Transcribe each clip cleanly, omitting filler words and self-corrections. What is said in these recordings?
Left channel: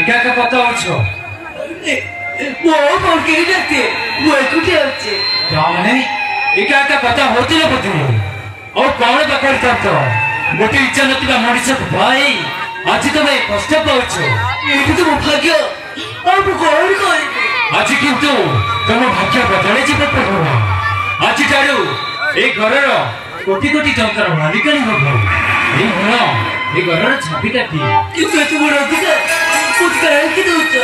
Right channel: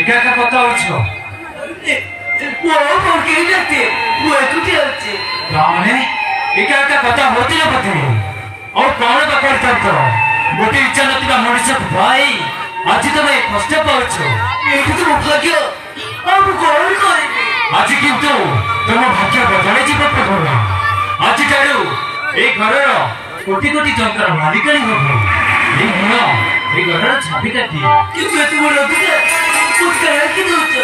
एका एका कथा हो वो कौन के जाते वो कुटे होते माने एका एका कथा होती है पते और कौन बकवास करतो मोटी इच्छा नथिबा मनुष्य भाई आज तमे कष्ट पाउछो एतु तो भाग्य अब कौन करे आज किंतु तम भाग्य बदले जीव प्रभु आज तारू ए घरर कोटी कोटी टंकार मालिकानी हो ए मन ए घरर छापिकाटी किंतु तुम अधिकार कुछ करे कि दोच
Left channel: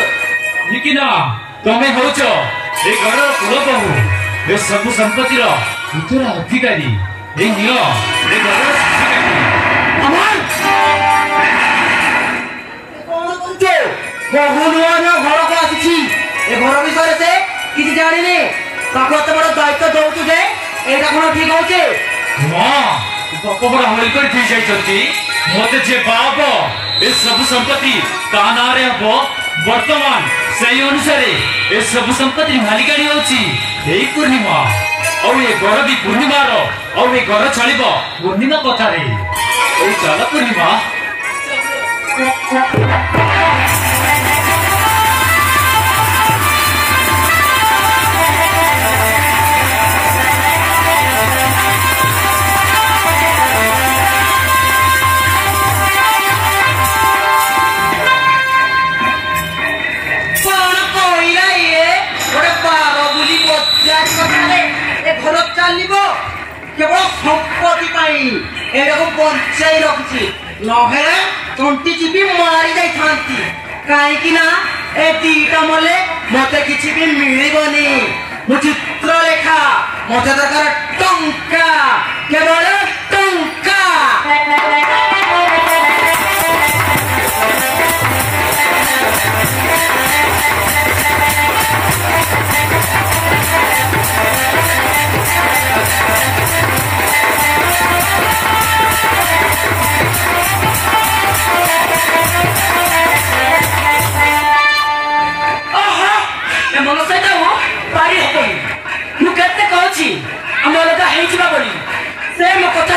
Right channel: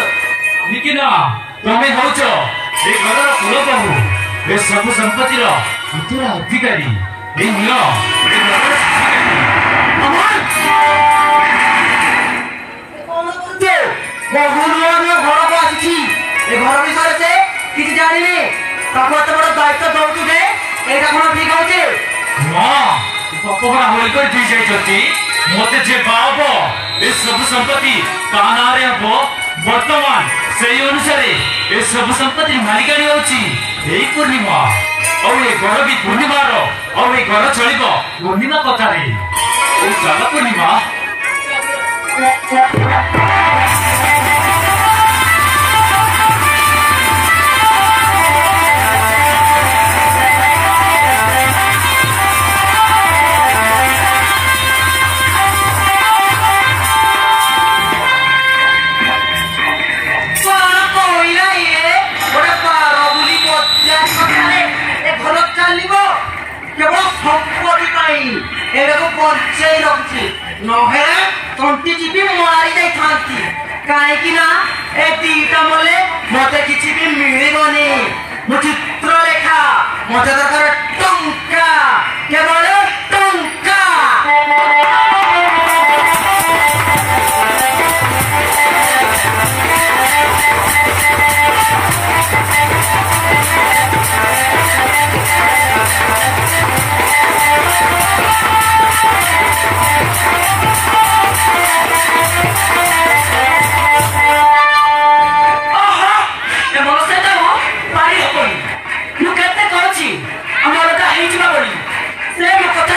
निकिना तमे होछ ए घरर कुलबहू ए सब संपत्तिर उत्तर अधिकारी ए मन ए घरर अमर कौन करते बहुनुआ ना घर को आछि ए घर विषय से किछि जानि ने ताको तुम्हारा दायित्व दउछु जे एटा कोन ठीक होचे मां बपबरा होली कर दी जाइछती मते जे बाप ए सब संपत्ति कानारे हो वर्तमान सही अनुसार ए सब संपत्ति मालिकानी होची एई पूर्णिमा और ए घर भी पूर्णिमा रो और ए घर चलिबो पूर्णिमा कथा रे ए चल पूर्णिमा पंचाई रखी नहे तंटी जीवी मारी जाई थांती काहेकि ना ए दीटा मले मते किछि भी मिलिबनी मु चित्रलेखा मते दरकार टंका केवल टंका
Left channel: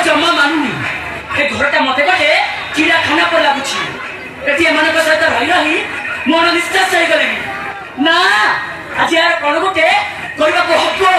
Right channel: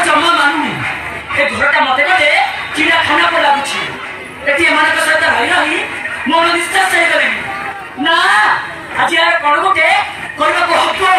जमा मानुनी ए घरटा मते गटे चिड़ा खाना पर लागुछि एति एमानक सहित रहि रहि मन निश्चय हो गले ना आज यार कोन गोटे करबा को हब्बो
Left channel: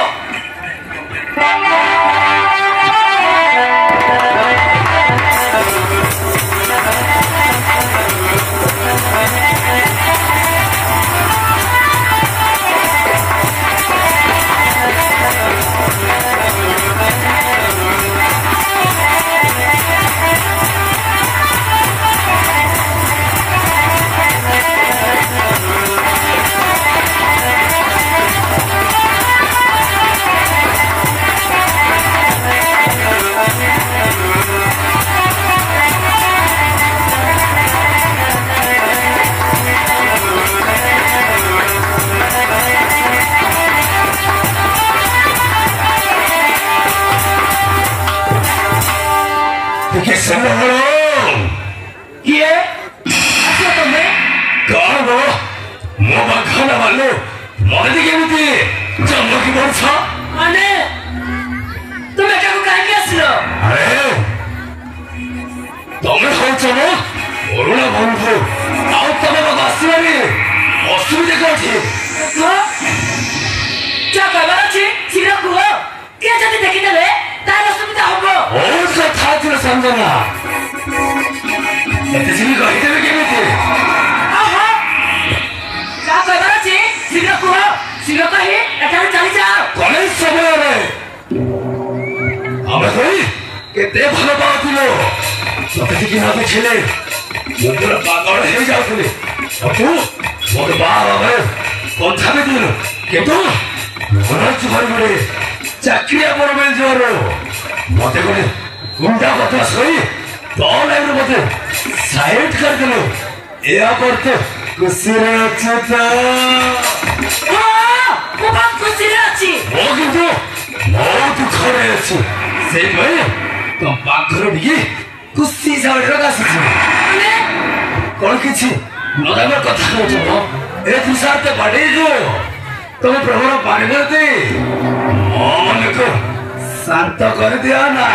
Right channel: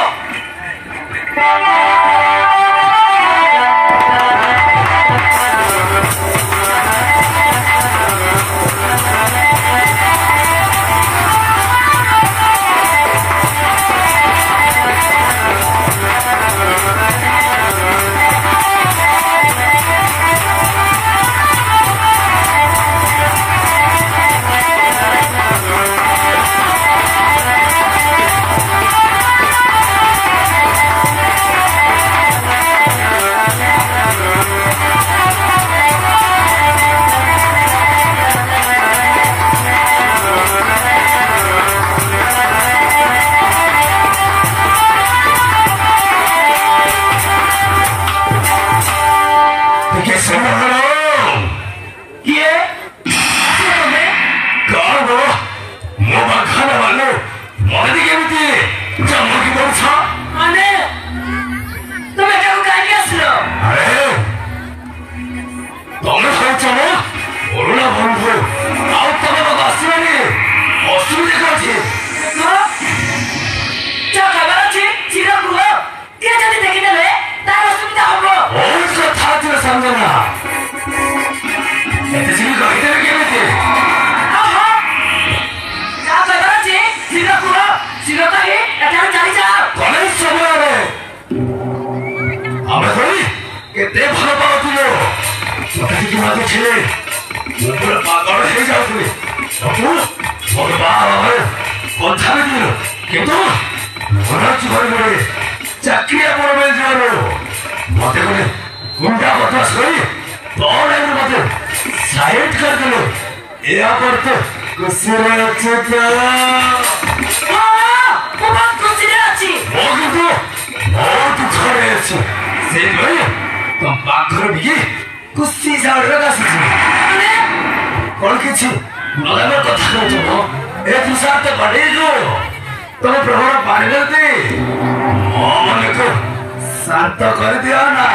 शांत कर दिया ना